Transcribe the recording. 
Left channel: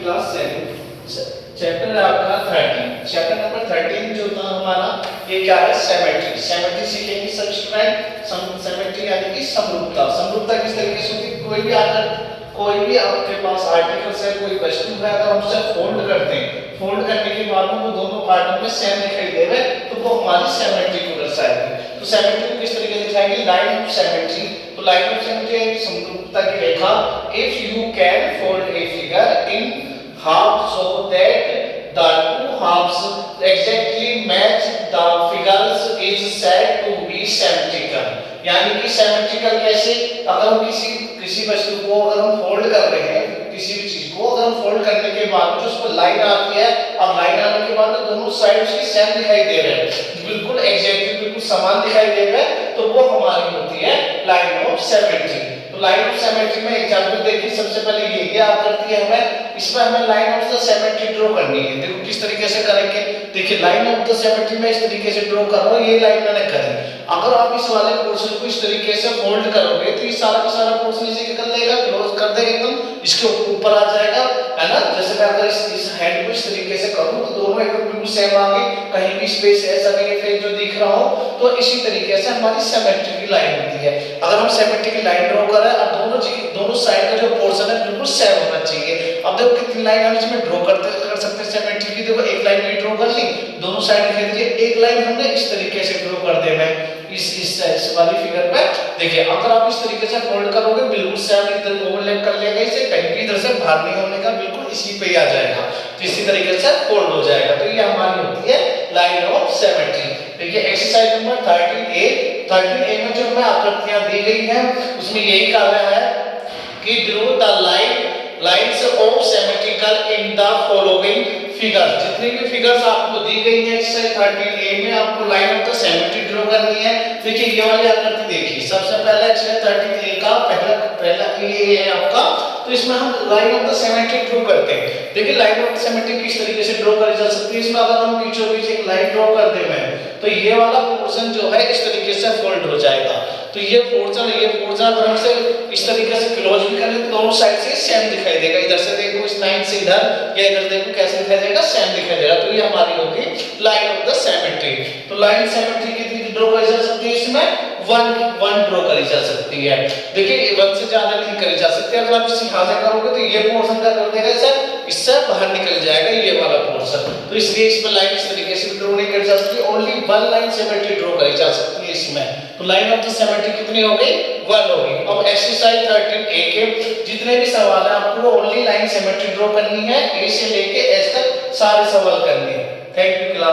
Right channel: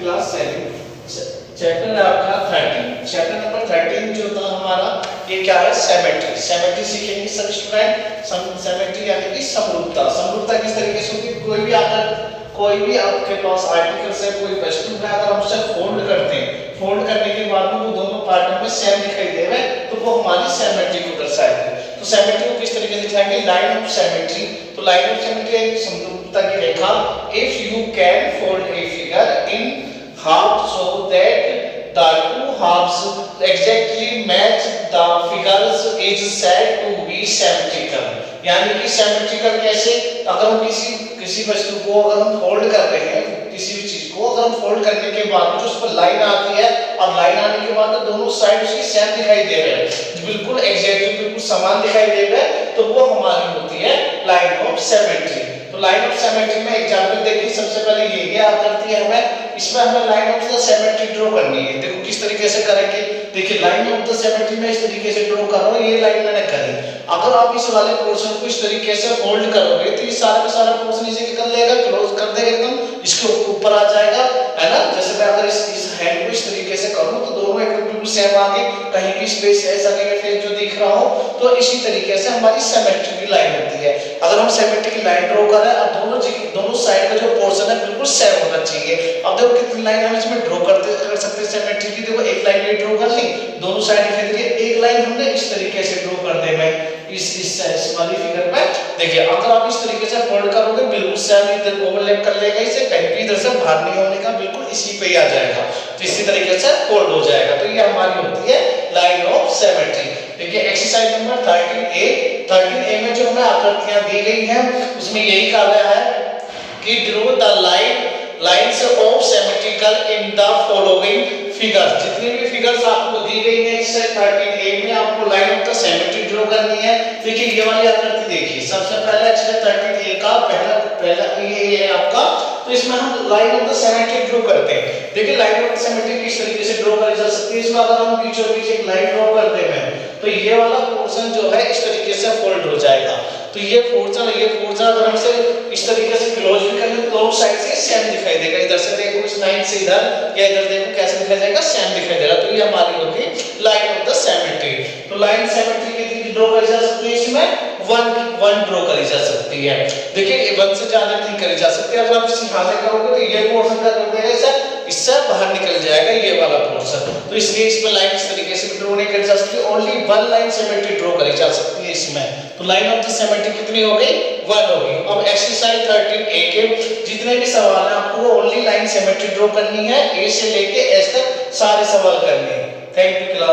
Class 7 chapter है आपका 13। Chapter number 13 जो था हमारा, ये क्या है, सिमेट्री। सिमेट्री सीखेंगे सब स्टूडेंट। सिमेट्री यानी कि समरूपता। समरूपता किस तरीके से होती है, कोई भी आपके पास आर्टिकल्स है, कोई वस्तु है, अगर हम उसे फोल्ड करते हैं, फोल्ड करने के बाद में वो दोनों पार्टों में सेम दिखाई देवे तो वो हमारी सिमेट्री को दर्शाएगी। तो सिमेट्री को किस तरीके से दिखाएंगे, लाइन ऑफ सिमेट्री। तो लाइन ऑफ सिमेट्री एक समरूपता की रेखा। If you can fold a figure in half so that the two halves exactly match the figures is said to be symmetrical। यानी कि symmetrical कैसे, अगर हम किसी वस्तु को अगर हम फोल्ड कर रहे हैं, किसी भी चीज को अगर हम फोल्ड करने के बाद जो उस पर लाइन आती है, अब लाइन आने के बाद दोनों साइड उसकी सेम दिखाई दे रहे हैं, बिल्कुल एग्जैक्टली बिल्कुल समान दिखाई दे रहे हैं, तो वो हमारी होती है लाइन ऑफ सिमेट्री। तो लाइन ऑफ सिमेट्री में एग्जांपल देखिए, सबसे पहले ये क्या करती है, हमें इसमें हमें line of the symmetry draw करनी है। देखो किस तरीके से करेंगे, देखिए लाइन ऑफ द सिमेट्री में इस तरीके से ड्रॉ कर रहा हूं, ये लाइन मैंने करी। अगर आप इस वाले पोर्शन को इस तरीके से फोल्ड करोगे तो ये सारा का सारा पोर्शन इसे कर लेगा, क्लोज कर देगा एकदम, इसके ऊपर आ जाएगा, है ना। जैसे मैं अगर इस हैंड को इस तरीके से करूं तो दोनों एकदम बिल्कुल सेम आ गए, कहीं भी स्पेस ऐसा नहीं है फिर जो दिख रहा हो। तो इसी तरीके से हमारी सिमेट्री की लाइन होती है। अगर हम सिमेट्री की लाइन ड्रॉ कर रहे हैं, अब दोनों साइड का जो पोर्शन है बिल्कुल सेम होना चाहिए। अब देखो कितनी लाइन हम इसमें ड्रॉ कर सकते हैं सिमेट्री की। देखो एक लाइन भी ड्रॉ कर ली, दोनों साइड दिखाई दे, एक लाइन हमने इस तरीके से ड्रॉ कर दे मैं इस वाली फिगर में। देखिए अगर आप इस तरीके से फोल्ड करोगे बिल्कुल सेम इधर ओवरलैप कर लेगा, इसे कहीं भी इधर से बाहर नहीं होने का, बिल्कुल इसी पे ही आ जाएगा, तो इसी तरीके से फोल्ड हो जाएगा। तो ये हमारी होती है लाइन ऑफ सिमेट्री। देखिए एक्सरसाइज नंबर 13A में जो हमें आकृतियां दी गई हैं उसमें यही कहा गया है कि draw the lines of symmetrical in the following figures. जितनी भी फिगर्स आपको दी गई है इससे 13A में आपको line of the symmetry draw करनी है। देखिए ये वाली आकृति देखिए, सबसे पहला इसमें 13A का पहला ये है आपका, तो इसमें हम line of the symmetry draw करते हैं। देखिए लाइन ऑफ द सिमेट्री किस तरीके से ड्रॉ करी जा सकती है, इसमें अगर हम बीचों बीच एक लाइन ड्रॉ कर दें तो ये वाला पोर्शन जो है इस तरीके से फोल्ड हो जाएगा। तो ये पोर्शन अगर हम इसे इस तरीके से क्लोज भी कर लें तो दोनों साइड से सेम दिखाई देगा। इधर से देखो इस लाइन से इधर या इधर देखो कैसे दिखाई देगा, सेम दिखाई देगा। तो ये हमारी होगी लाइन ऑफ द सिमेट्री। तो लाइन सिमेट्री कितनी ड्रॉ करी जा सकती है, इसमें वन ड्रॉ करी जा सकती है। देखिए ये 1 से ज्यादा नहीं करी जा सकती। अगर आप इसी हाथ से करोगे तो ये पोर्शन क्या कर देगा, इससे बाहर निकल जाएगा ये वाला पोर्शन। तो इसलिए इसमें लाइन इस तरीके से ड्रॉ नहीं करी जा सकती, ओनली 1 लाइन सिमेट्री ड्रॉ करी जा सकती है इसमें। तो लाइन ऑफ द सिमेट्री कितनी हो गई, 1 हो गई। अब एक्सरसाइज 13A के जितने भी सवाल हैं आपको ओनली लाइन सिमेट्री ड्रॉ करनी है, ए से लेके एस तक सारे सवाल करने हैं। Thank you class.